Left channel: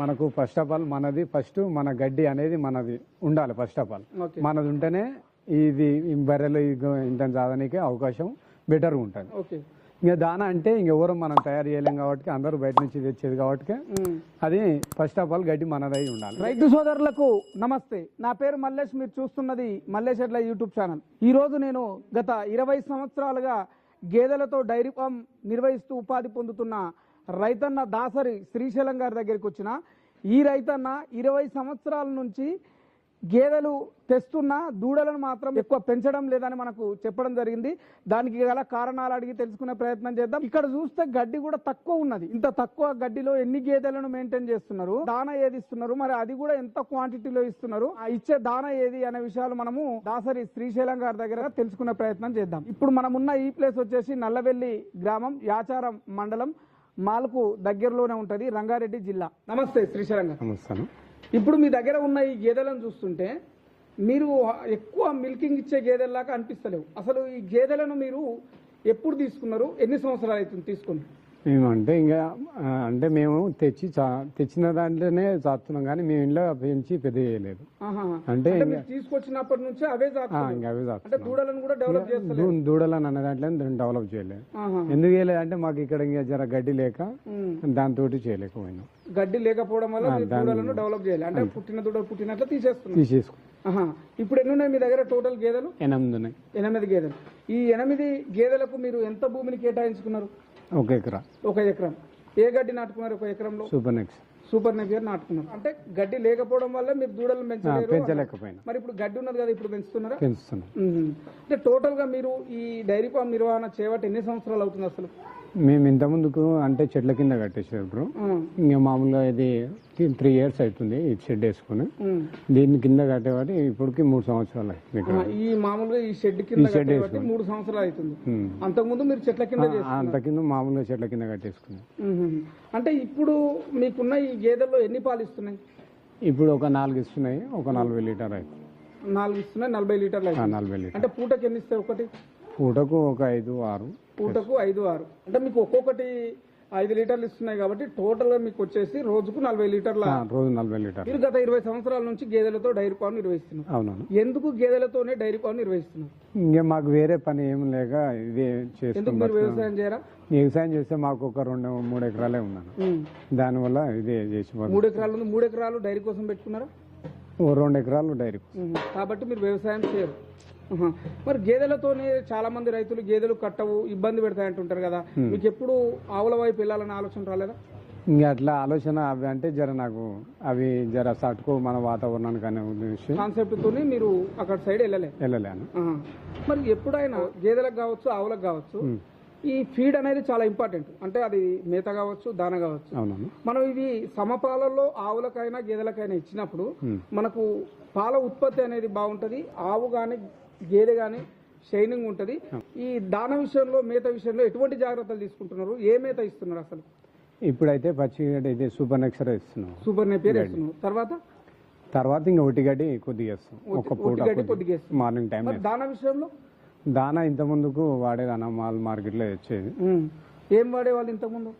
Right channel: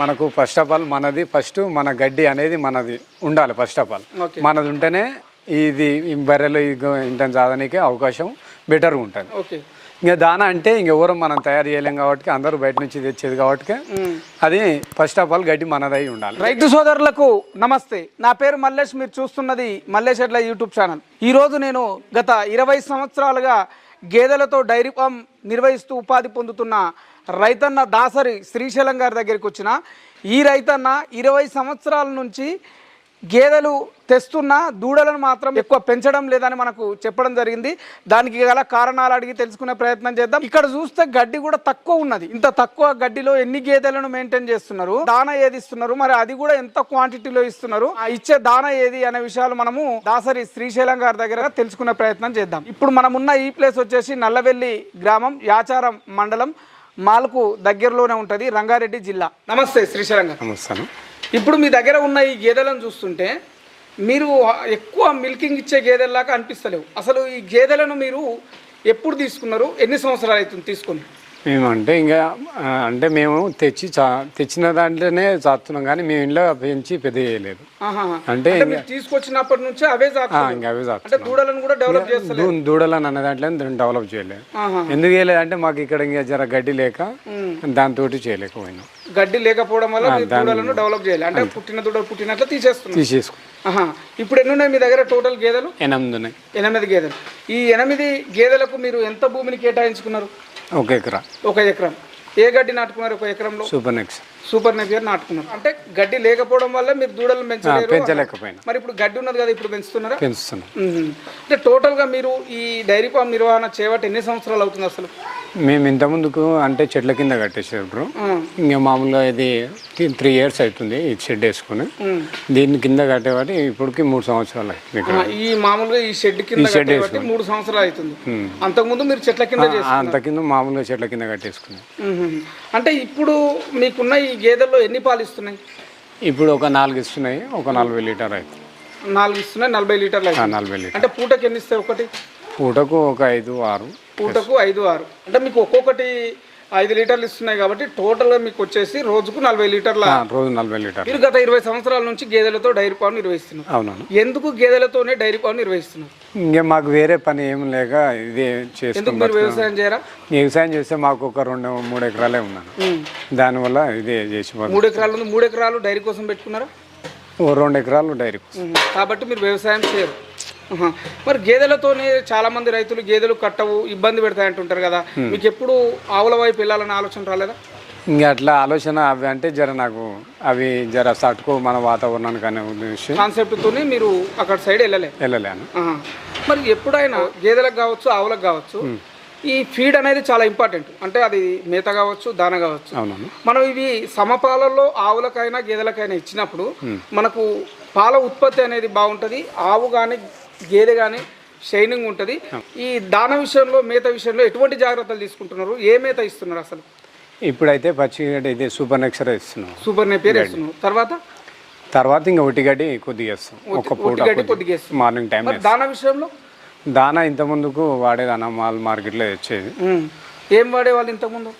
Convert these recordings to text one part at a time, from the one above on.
మనకు first of all మన గడ్డి అనేది మనది ఉండాలి. ఫస్ట్ ఆఫ్ ఆల్ మనది ఉంటేనే ఇది బర్రెలు ఇంత సాధనకి అవకాశం బెటర్గా ఉంటుంది. ఇంకా దానా అంటే ఇంకెవరో మనం తయారు చేయలేం కాబట్టి అందరూ బయట నుంచి తెచ్చేది కాబట్టి అది ఫస్ట్ ఆఫ్ ఆల్ గడ్డి మనదై ఉండాలి. రైతు సోదరులకు నమస్తే. నా పేరు మల్లేష్. మీరు చూస్తున్నది మల్లేష్ ఎడ్ల యూట్యూబ్ ఛానల్. ఈరోజు నేను గత 20 సంవత్సరాలుగా గేదెలతో డైరీ ఫామ్ నిర్వహిస్తూ ఉపాధి పొందుతున్న రైతన్న దాసరి శ్రీశైలం గారి దగ్గరికి వచ్చిన. ఈ రైతన్న 20 సంవత్సరాల నుంచి గేదెలు తెస్తున్న దూడలను మాత్రం ఎక్కువ పెంచడం లేదని మనకు చెప్పడం జరిగింది. దానికి గల కారణాలు అడిగి తెలుసుకునే ప్రయత్నం చేద్దాం. ఇక్కడ చూస్తే గడ్డి కూడా తక్కువ ఉన్నది. ఇంత తక్కువ గడ్డిలో ఎన్ని గేదెలను మెయింటైన్ చేస్తున్నారు, దానా ఏది ఇస్తున్నారు, మరి అది కూడా ఎంత క్వాంటిటీలో ఇస్తున్నారు, ఆ ఇచ్చే దానా ఏది అనే విషయాలు మనము దాసరి శ్రీశైలం గారి దగ్గర తెలుసుకునే ప్రయత్నం చేద్దాం. ఇప్పుడు మనం ఉన్న ఈ ప్లేస్ వచ్చేసి నల్లవెల్లి గ్రామం, యాచారం మండలం, మాల్కు దగ్గరలోనే ఉంటుంది, రంగారెడ్డి జిల్లా. నమస్తే శ్రీశైలం గారు. నమస్తే. ఇప్పుడు మీ దగ్గర ఉన్న ఈ గేదెలను చూస్తుంటే మీరు ఎక్కువ మిల్కింగ్ ఇచ్చే గేదెల్లాగా అనిపిస్తలేవు. అసలు ఈ గేదెలను మీరు ఎప్పుడు తీసుకున్నారు, ఎన్ని సంవత్సరాలు అవుతుంది తీసుకుని? మేము అంటే మేము తెచ్చిన దాంట్లోనే చాస్తున్నాం, కానీ మేము ఇంట్లో పెంచి పెద్ద చేయలేదు. అంటే తీసుకొచ్చినప్పటి నుంచి అవే అంటే దూడలను కూడా డెవలప్ చేస్తారు. దూడలను అన్న దాంట్లో డెవలప్ చేయలేదు. ఎందుకు చేయలేదు అంటే మాకు ఇక్కడ ఇంకా జర గడ్డి లేక దాంతో చేయలేకపోయినాం. గడ్డి లేకపోవడం వల్ల దూడలను డెవలప్ చేయాలి. అంటే పుట్టిన దూడలు పుట్టినట్లు తీసేసుకు. ఇప్పుడు ఎన్ని ఉన్నాయి మీ దగ్గర టోటల్ గేదెలు? 8 ఉన్నాయి. 8 గేదెలు. ఈ 8 గేదెలకు మీరు ఎంత భూమిని కేటాయించుకున్నారు? 1 ఎకరా. 1 ఎకరం. ఏ గడ్డి నాటుకున్నారు 1 ఎకరంలో? సూపర్ నెక్స్ నాటుకున్నారు. అంటే గడ్డి లేకపోవడం వల్ల మీరు దూడలను పెంచలేకపోయినా. మరి ఇప్పుడు గడ్డి ఉన్నది కదా, ఇప్పుడు పెంచుతున్నారా? పెంచుతున్నాం. అంటే టోటల్ గా మీరు ఈ డైరీ ఫామ్ నిర్వహణ చేయబట్టి ఎన్ని సంవత్సరాలు అవుతుంది అసలు? మేము ఇంత ముందుకు అంటే చెట్ల కింద కట్టేసేటప్పుడు ఇంకా మామూలుగా ఇది 3 years అవుతుంది ఈ షెడ్ వేసుకుని. దీని కింద కట్టేవాటి ఇప్పటికి 3 సంవత్సరాలు అవుతుంది. ఈ మామూలుగా ఈ షెడ్ కింద 3 సంవత్సరాలు అవుతుంది. అంతకుముందు మీరు చెట్ల కింద మామూలుగా చెట్ల కింద కట్టేసుకున్నాం. అంటే ఇప్పుడు మీకున్న ఈ గేదెల్లో ఎన్ని పాలు ఇస్తున్నాయి? ఇప్పుడు ఒక 4 ఇస్తున్నాయి. ఒక 40 లీటర్ అవుతుంది. 4 ఇస్తున్నాయి, 40 లీటర్లు. 40 లీటర్. అంటే పూటకి ఎన్ని ఇస్తాయి? పూటకు ఒక 5-6. పూటకు 5-6. అంటే మీకు ఒక్కొక్కటి 5 లీటర్లు ఇస్తున్నాయి కాబట్టి టోటల్గా మీకు వచ్చేసి రోజుకు 40 లీటర్ల. రోజు 40 లీటర్లు. మీరు గత 20 సంవత్సరాల నుంచి గేదెలతో డైరీ ఫామ్ నిర్వహిస్తున్నారు. అవును. ఎందుకు గేదెలతోనే డైరీ ఫామ్ నిర్వహిస్తున్నారు? ఇంకా మాకు వేరే పని ఏం లేక ఇదే చేసుకుంటాం. మీరు వ్యవసాయం చేయరా? వ్యవసాయం చేస్తే మాకు ఒక 2-3 ఎకరాలే ఉన్నాను. దానివల్ల ఇదే చేసి 3 ఎకరాలు ఉంది. 3 ఎకరాలు డైరీ కోసం పెట్టుకున్నారా? 2 ఎకరాలు డైరీ కోసం. కాబట్టి మీరు వ్యవసాయం చేయరు. మరి గేదెలతోనే చాలా మంది రైతులు గేదెలు కట్టవు, ఇబ్బంది పెడతాయంటుంటారు కదా, మీకు ఎప్పుడు ఆవుల వైపు వెళ్ళాలనే ఆలోచన రాలేదా? ఇంకా అట్లా ఆలోచన అవి అంటే నాకు అవి తట్టుకో మన వాతావరణానికి అనే కాన్సెప్ట్తో మీరు అక్కడ సైడ్ వెళ్ళలేను. మరి ఎప్పుడైనా గేదెలకు కావచ్చు, ఆవులకు కావచ్చు, ఈ ఫీడ్ అనేది చాలా ఇంపార్టెంట్. అంటే అది మేత కావచ్చు, దాన కావచ్చు. మనం ఇవి సమపాలలో ఆవులకైనా గేదెలకైనా ఇచ్చినప్పుడు మనకు పాల ఉత్పత్తి అనేది బాగుంటుంది. ఆవు కానీ గేదె కానీ షైనింగ్ ఉంటుంది. ఈ దాన విషయంలో, మేత విషయంలో ఎటువంటి జాగ్రత్తలు తీసుకుంటున్నారు? ఏ మేత ఇస్తున్నారు అసలు? ఇప్పుడైతే పచ్చిగడ్డి అయితే సూపర్ నెక్సర్ ఇస్తున్నాం. సూపర్ నెపియర్ ఇస్తున్నాం. తర్వాత ఇంకా ఒటిగడ్డి కొద్దిగా ఇస్తాం. ఒక పూట మార్నింగ్ టైం. దాన విషయంలో దానా ఇంత ముందుకు వాడేదానా మాల్ మార్కెట్లో తెచ్చేది. ఏం వాడేవాళ్ళు ఇంతకుముందు?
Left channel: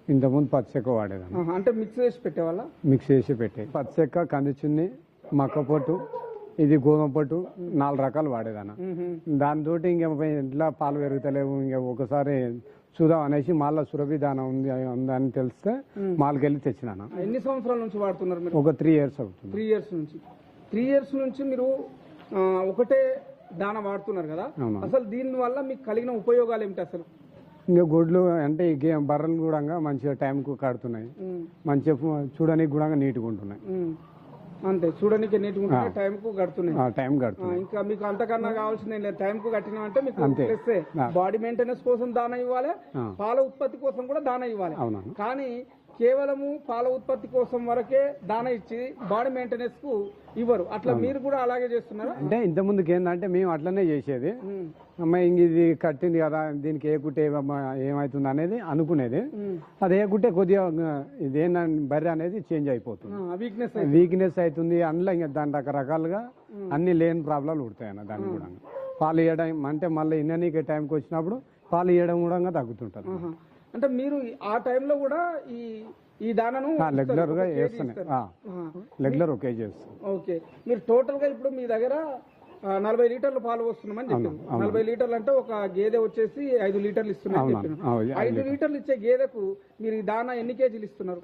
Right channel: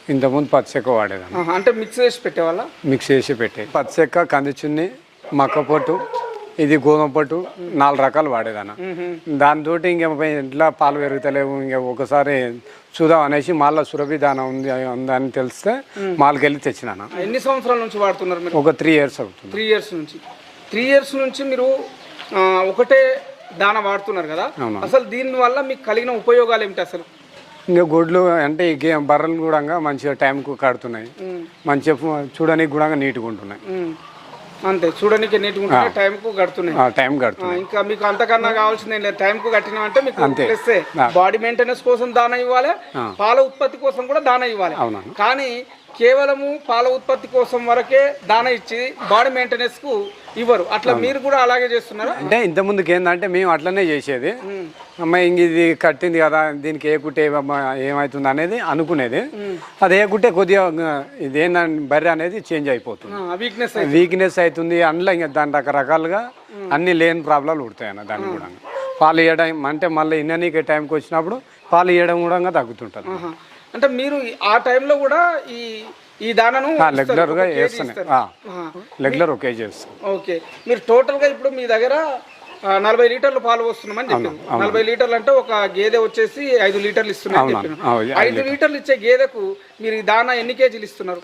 పచ్చిచెక్క వాడేదాన్ని. అంటే మిక్స్ చేసి పెట్టేవాళ్ళ? మిక్స్ చేసి పెట్టే పచ్చిచెక్క, కందిచున్ని, మక్క పొట్టు, ఇది గోధుమ పట్టు, 4 రకాలు వాడేదాన్న. దానితో ఇంకా ఇంట్లో పాలు పెరుగుతలేవు, ఇంకా ఒకసారి చూద్దాం అనేసి మళ్ళీ సురభి దాన ఉందని తెలిస్తే మాల్కి వెళ్ళి తెచ్చినాను. ఎన్ని సంవత్సరాల నుంచి వాడుతున్నారు మీరు? ఒక 3 years అవుతుంది. 3 years నుంచి మీరు ఒకటే దాన వాడుతున్నారు కదా, అసలు దీని వల్ల మీకు కలిగిన ఉపయోగాలు ఏమిటి అసలు? ఇంకా గొడ్లు అంటే బర్రెలు కూడా మంచిగా టైంకు కడుతున్నాయి, మంచిగా చూడడానికి కూడా నీట్గా ఉంటున్నాయి. అంతే, చూడడానికి నీట్గా ఉంటున్నాయి, టైంకు కడుతున్నాయి. ఇంకా మీకు అంతకన్నా కావాల్సింది ఏం లేదు. టైంకు కట్టినామంటే మీకు ప్లస్ బాడీ మెయింటెనెన్స్ కోసం దాన ఇవ్వాలి, పాల ఉత్పత్తి కోసం కూడా దాన ఇవ్వాలి. కానీ కేవలము పాల ఉత్పత్తి కోసం వరకే దాన ఇచ్చి బాడీ మెయింటెనెన్స్ కు ఇవ్వరు. అట్లా మీరు కూడా అలాగే చేస్తున్నారు? అంటే ఇంత ముందుకు ఏంటంటే మేము అట్లనే చేసేది. అమ్మాయి ఇంక ఇది కట్టింది కదా, దీనికి ఏ కుట్టే ఏమవుతుంది అనేది అనుకునేది. అది ఏ కుట్టే కొద్దిగా ఇదేందని బర్రె అనేది చేంజ్ అయిపోతుంది, వీక్నెస్ అవుతుంది. అందులో ఇంకా దాని రకరకాలుగా అన్ని లేని ప్రాబ్లాలు పుడతాయి దాన్ని కూడా. పాలు ఇవ్వడం అంటే మళ్ళీ ఇన్ననీకే టైంకి వచ్చినప్పుడు పాలు ఇవ్వడం కూడా తగ్గుతుంటుంది. అంటే మీరు ఆ టైంలో కూడా ఈ ఈ దానను రెగ్యులర్గా వేస్తాను, రెగ్యులర్ ఒక కేజీ వేస్తాను. ఓకే, మీరు టోటల్గా ఇప్పుడు మీ దగ్గర 40 లీటర్లు పాలు వస్తున్నామని చెప్పారు. 40 లీటర్లు అంటే ఒక గేదె వచ్చేసి 5 లీటర్లు ఇస్తున్నామని చెప్పారు. 5 లీటర్లు ఇచ్చే గేదెకు మీరు ఈ దానా ఎన్ని కేజీలు ఇస్తున్నారు?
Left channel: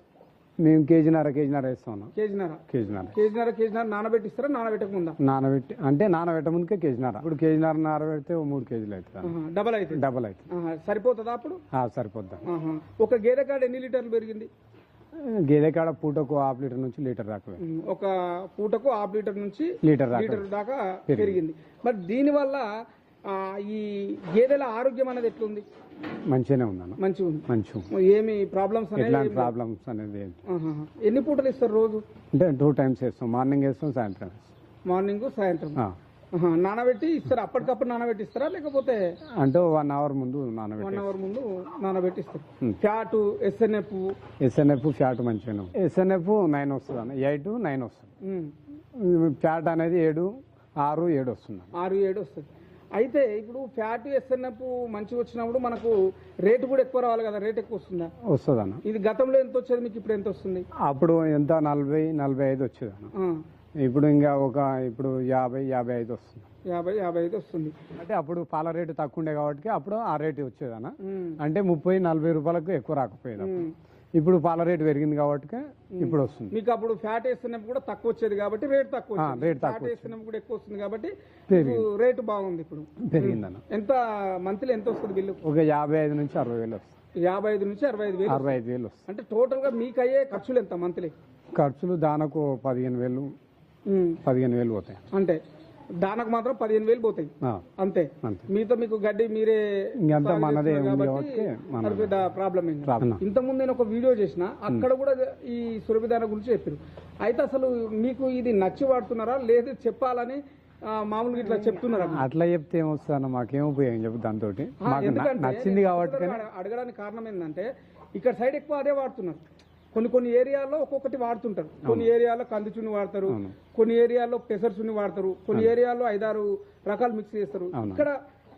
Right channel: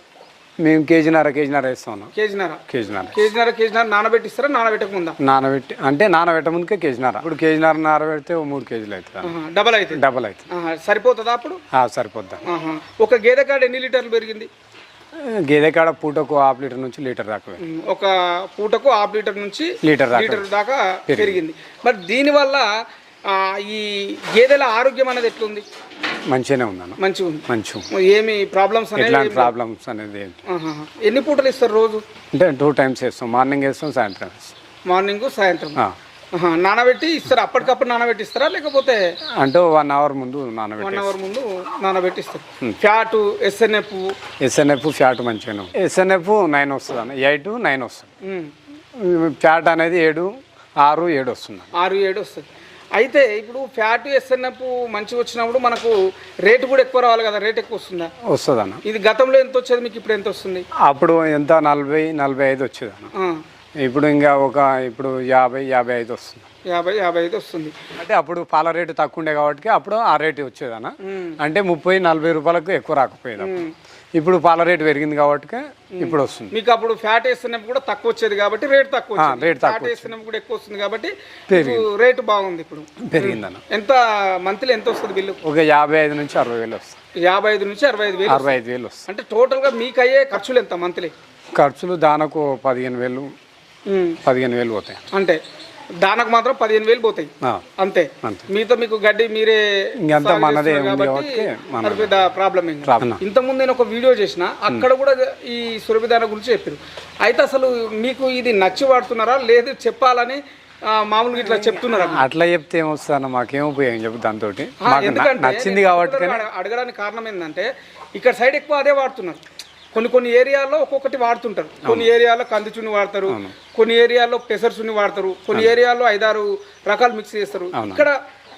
మేము కేజీన్నర వేస్తాం. కేజీన్నర నానబెట్టిస్తారా? నానబెట్టక ముందా? నానబెట్టి అంటే నానబెట్ట ముందుకే కేజీన్నర. ఇప్పుడు కేజీన్నర నానబెడితే 3 కేజీలు అవుతుంది. డబల్ అయితే సరిపోతుందా? అప్పుడు సరిపోద్దా. ఒక గేదె కాడ ఎన్ని లీటర్లు పెరిగింది? గేదె కాడ పూటకు 1/2 లీటర్ నుంచి లీటర్ దాకా. ఒక పూటకు 1/2 లీటర్ నుంచి లీటర్ దాకా పెరిగింది. మరి దీనివల్ల ఈ గేదెల ఆరోగ్యం అనేది ఎట్లుంది? మంచిగానే ఉందన్న. మంచిగా ఏమి ప్రాబ్లమ్స్ అనేది ఎన్ని పూటలు ఇస్తారు రోజు? అంటే 2 టైమ్స్ వేస్తాం, మార్నింగ్ వేస్తాం, సాయంత్రం వేస్తాం. మార్నింగ్ సాయంత్రం నానబెట్టి ఇస్తారు. అప్పటికప్పుడు నానబెట్టి ఇస్తారా లేకపోతే అంటే 1 అవర్ ముందు 1 అవర్ ముందు నానబెట్టి ఇస్తారు? ఫ్యాట్ ఎస్ఎన్ఎఫ్ ఫ్యాట్ మంచిగానే ఉంది. ఎస్ఎన్ఎఫ్ 9 వస్తుంది అన్న, 8, 9 వస్తుంది. ఫ్యాట్ అనేది 7, 6, 7 వస్తుంది. 6, 7 వస్తుంది. అయితే ఇప్పుడు ఫ్యాట్ ఎస్ఎన్ఎఫ్ మంచిగా వచ్చినప్పుడు మనకు రేటు కూడా ఎక్కువ రావాలి కదా, రేట్ ఎక్కువ వస్తుంది అన్న. ఇది గతంలో ఎంత వచ్చేది మీకు, ఇప్పుడు ఎంత వస్తుంది? అప్పుడు ఎంత 40, 45 వచ్చేది అన్న. ఇప్పుడు ఇంకా ఇప్పుడు 50, 55 వస్తుంది. 50, 55 వస్తుంది. అంటే అప్పుడు పాల రేటు తక్కువ ఉండే కాబట్టి అప్పుడు ఆ రేటు వచ్చేదన్న. అంటే 30, 40 రూపాయలకు ఎక్కువ రాకపోయేది. ఇప్పుడు పాల రేటు పెరిగింది కాబట్టి ఇప్పుడు వస్తుంది. మీకు అప్పుడు ఫ్యాట్ వేస్తున్నప్పుడు కూడా తక్కువ వచ్చేది కాబట్టి రేట్ తక్కువ, ఫ్యాట్ వేస్తున్నప్పుడు కూడా ఎక్కువ వస్తుంది కాబట్టి రేటు బాగుంది. ఇప్పుడు పెరిగిందన్న. ఎంత మంత్లీ ఎంత వస్తుంది బిల్లు? ఒక 55 నుంచి 60 వేలు వస్తుంది. 55 నుంచి 65 వేలు వస్తుంది. అంటే టోటల్గా మీకు అయ్యే ఖర్చులు ఎంత మంత్లీ? ఖర్చులు దానకు 15 వేలు పోతాయి. అంటే దానికి మాత్రం 15 వేలు పోతాయి అంతే. మీతో మీకు గడ్డి మీరే పెద్ద ప్రాబ్లం. ఇంతకుముందు నేను ఒక వీడియో చేసిన, అక్కడ కూడా ఈ సురభి దాన గురించి చెప్పారు. అయితే అసలు మీకు ఇది నచ్చి వాడుతున్నారా లేదు చెప్పాలని మామూలుగా ఇట్లా చెప్తున్నారా? అట్లా చెప్తే ఏమొస్తాను, మాకేం ఉపయోగం చెప్పు దాంతో. నచ్చింది కాబట్టి అడగడానికి కారణం ఏంటంటే ఇక్కడ సైడ్ ఎక్కువ అదే వాడుతున్నారు. కొన్ని ఏరియాల్లో ఒక్కొక్కటి వాడుతుంటారు. కొన్ని ఏరియాలో కందిచుని వాడతారు, కొన్ని ఏరియాలో పెసర్చుని వాడతారు, కొన్ని ఏరియాలో 5-6 రకాలు మిక్స్ చేస్తారు. ఇక్కడ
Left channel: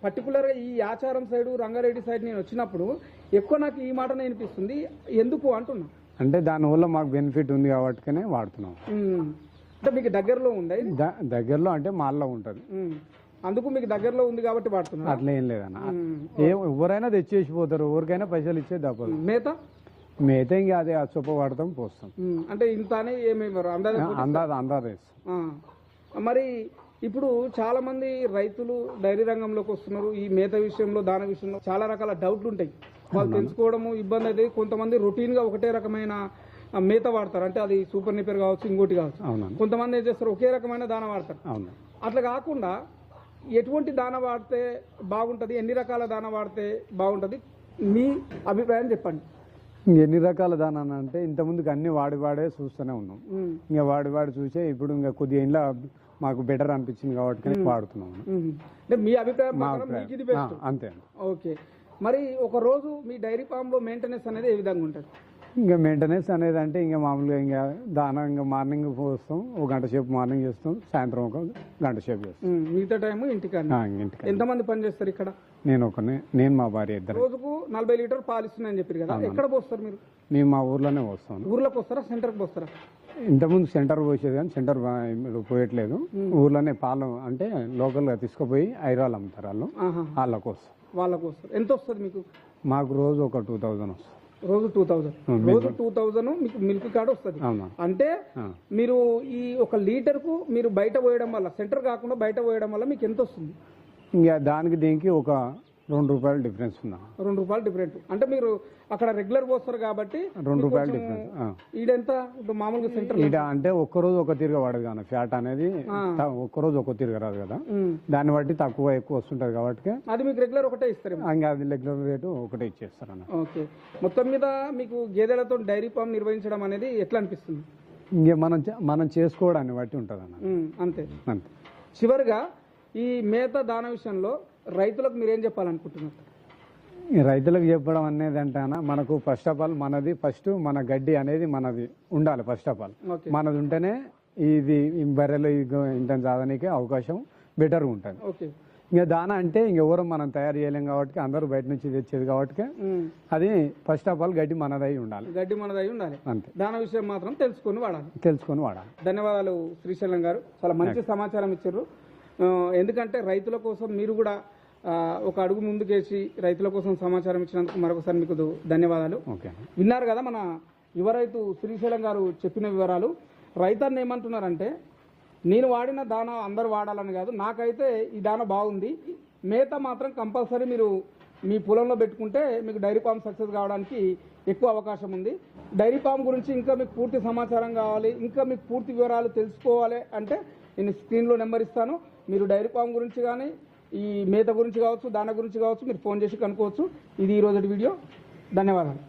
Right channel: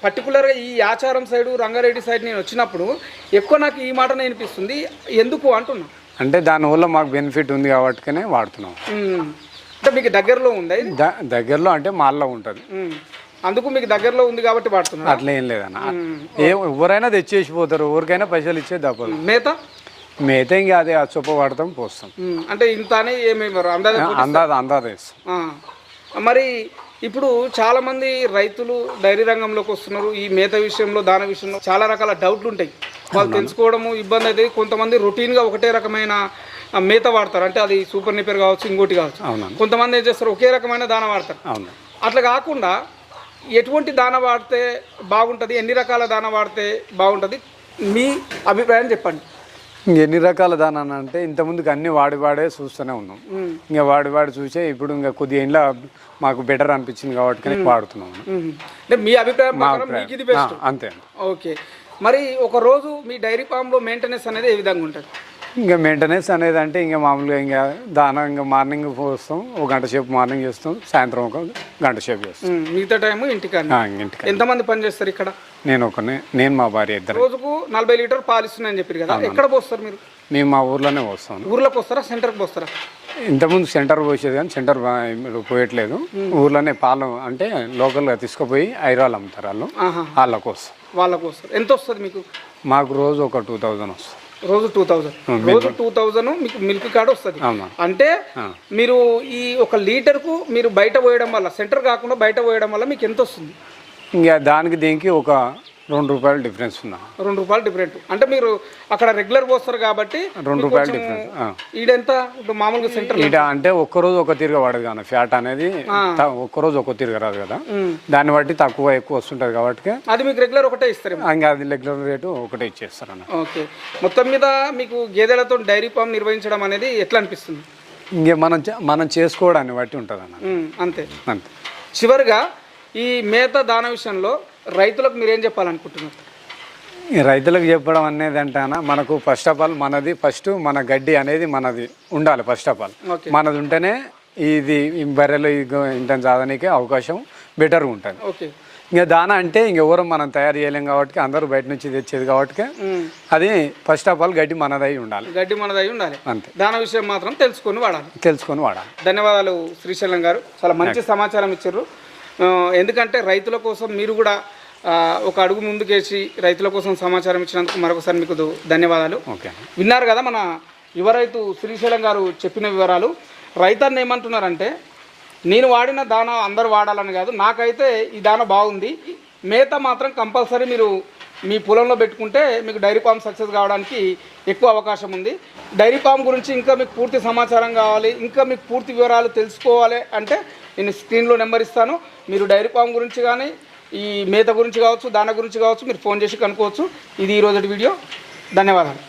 పర్టికులర్గా ఈ ఆచారం సైడ్, రంగారెడ్డి సైడ్ నేను వచ్చినప్పుడు ఎక్కువ నాకు ఈ మాట వినిపిస్తుంది. ఎందుకు అంటున్నా అంటే దానివల్ల మాకు బెనిఫిట్ ఉంది కాబట్టి వాడుతున్నాం. అంటే మీకు దగ్గరలో ఉంది? దగ్గరలో అంటే మాల్లో ఉంటుంది, అందుకు మీకు దగ్గరలో ఉంది కాబట్టి వాడుతున్నారు. అట్లా ఏం లేదన్న. ఎవరైనా తెచ్చేసిపోతారు, ఎవరికైనా పైసలు ఇచ్చే తప్పదు. మేత ఇంకా అదే చొప్ప వాడతాం, పోస్తాం. అంటే ఇంత అందాజ వేస్తాం. మరి ఇప్పుడు చాలా మంది రైతులు డైరీ రంగంలోకి వస్తున్నారు. ఈ మేత విషయంలో, దాన విషయంలో చాలా రకాల డౌట్లు ఉంటాయి. వాళ్ళు తెలుసుకోవడము ఇబ్బంది అయితే. కొంతమంది రొటీన్గా ఒకటే రకమైన మేత వాడతారు, అంటే అది సూపర్ నిపర్ కావచ్చు, ఇంకోటి కావచ్చు. కొంతమంది ఏం చేస్తారు, ఒకే రకమైన దాన వాడతారు. అట్లా కాకుండా ఎటువంటి దాన వాడితే బాగుంటుంది, ఎన్ని రకాల దాన వాడితే బాగుంటుంది, మీ అభిప్రాయం చెప్పండి. ఎన్ని రకాల దానా అంటే ఇంతకుముందుకు అన్ని వాడే చూస్తూనే ఉన్నాం. ఇంకా వాడి చూసే ఇప్పుడు ఇంకా కొద్దిగా ఇంట్లో మాకు బెటర్ అనిపించింది కాబట్టి వాడుతున్నాం. అంటే మీ అభిప్రాయం అంతే. ఓకే, మరి ఒక రోజు మీ డైరీ ఫామ్లో మెయింటెనెన్స్ అనేది ఏ విధంగా ఉంటుంది? ఇంకా మెయింటెనెన్స్ అనేది అంటే ఇంకా మామూలుగా ఇంకా దానా ఇంకా మార్నింగ్ పోస్తాం, 1 గంట సేపు మార్నింగ్ చేస్తాం, సాయంత్రం 1 గంట సేపు చేస్తాం. మిగతా టైం ఇంటికి. ఎంతమంది పని చేస్తారు ఇక్కడ? నేను మా భార్య ఇద్దరు. రోజుకు 40 లీటర్ పాలు ఇస్తున్నాయని చెప్పారు కదా, ఎక్కడ పోస్తారు మీరు? మేము మా ఊర్లోనే పోస్తాం. ఊర్లోకి వస్తారా, సెంటర్కి పోస్తారా? ఇంతకుముందు సెంటర్ పోసేది కానీ సెంటర్ పోయట్లేదు. ఊర్లోనే పాలు అంటే లోకల్గా తీసుకుపోయి ఐరాలు అమ్ముతారు వాళ్ళకి వస్తాం. ఎంత వస్తుంది మీకు? మాకు రోజు ఒక 2000 వస్తుంది. రోజు 2000 మీకు మిల్క్ కార్డ్ వస్తుంది. అంటే మీరు ఈ 1 లీటర్కు మీరు బయట పోయడం వల్ల, సెంటర్ కాకుండా బయట పోయడం వల్ల మీకు ఎంత వస్తుంది? ఇంకా దానికి దీనికి ఒక ₹2 డిఫరెన్స్ ఉందా? ₹2 డిఫరెంట్. అంటే మీరు అక్కడ రెగ్యులర్ పోస్తారు కాబట్టి ₹2 డిఫరెన్స్. ఈడెంత మామూలుగా సెంటర్ ఈడ అంటే ఒక్కరోజు ఒక తీరుగా పడదు కానీ ఫ్యాట్ అనేది ఒక్కరోజు ఒక తీరుగా రాదు కదా, దాన్ని బట్టి తక్కువ ఎక్కువ వస్తుంటది కాబట్టి అది మీకు రెగ్యులర్ ఒకటే ఇస్తారు. ఇంకా అది రెగ్యులర్ రేటు ఒకటే ఇచ్చేస్తారు అన్న. ఓకే, మొత్తం మీద మీకు గేదెలతో డైరీ ఫామ్ నిర్వహించడం అనేది ఎట్లా అనిపిస్తుంది? ఇంకా మనం చేసుకోవడాన్ని బట్టి ఉంటుంది అన్న. అంతే. చివరిగా ఈ మేత దాన విషయంలో రైతులకు మీరేం చెప్పాలనుకుంటున్నారు? రైతులకు చెప్పడం అనేది అంటానా, మనకు ఫస్ట్ ఆఫ్ ఆల్ మన గడ్డి అనేది మనది ఉండాలి. ఫస్ట్ ఆఫ్ ఆల్ మనది ఉంటేనే ఇది బర్రెలు ఇంత సాధనీకే అవకాశం బెటర్గా ఉంటుంది. ఇంకా దానా అంటే ఇంకెవరు మనం తయారు చేయలేం కాబట్టి అందరూ బయట నుంచి తెచ్చేది కాబట్టి అది ఫస్ట్ ఆఫ్ ఆల్ గడ్డి మనదై ఉండాలి. గడ్డి మనదై ఉండాలి. అంతే. దాని విషయం మాత్రం తెలుసుకొని వాడాలి. ధన్యవాదాలు శ్రీశైలం గారు, చాలా మంచి సమాచారం ఇచ్చారు. ఎందుకంటే రైతుల కోసం మీరు కూడా ఒక అడుగు ముందుకేసి రైతుల కోసం సమాచారం ఇచ్చినందుకు మరొకసారి మీకు ధన్యవాదాలు. విన్నారు కదా మన యువ రైతు శ్రీశైలం గారు చెప్పిన వివరాలు. రైతన్న ఏమంటున్నారంటే, నేను వాడిన దానా అందరూ వాడాలని కాదు, నాకైతే ఈ దానా బాగుంది, మేత మాత్రం కంపల్సరీ మీరు మీ పొలంలో పెట్టుకుంటే మీకు డైరీ ఫామ్ సక్సెస్ కావడానికి ఎక్కువ అవకాశం ఉంది. డైరీ ఫామ్ గురించి ఇంకా మీకు పూర్తి సమాచారం కావాలి, ఇంకా మీకు పూర్తి వివరాలు తెలుసుకోవాలి అంటే నేను స్క్రీన్లో నెంబర్ ఇస్తాను. మీరు డైరీ ఫామ్ గురించి కానీ ఈ మేత గురించి కావచ్చు, దానా గురించి కావచ్చు మీరు ఫోన్ చేసి కనుక్కోవచ్చు. ఇది ఈరోజు వీడియో. ధన్యవాదాలు.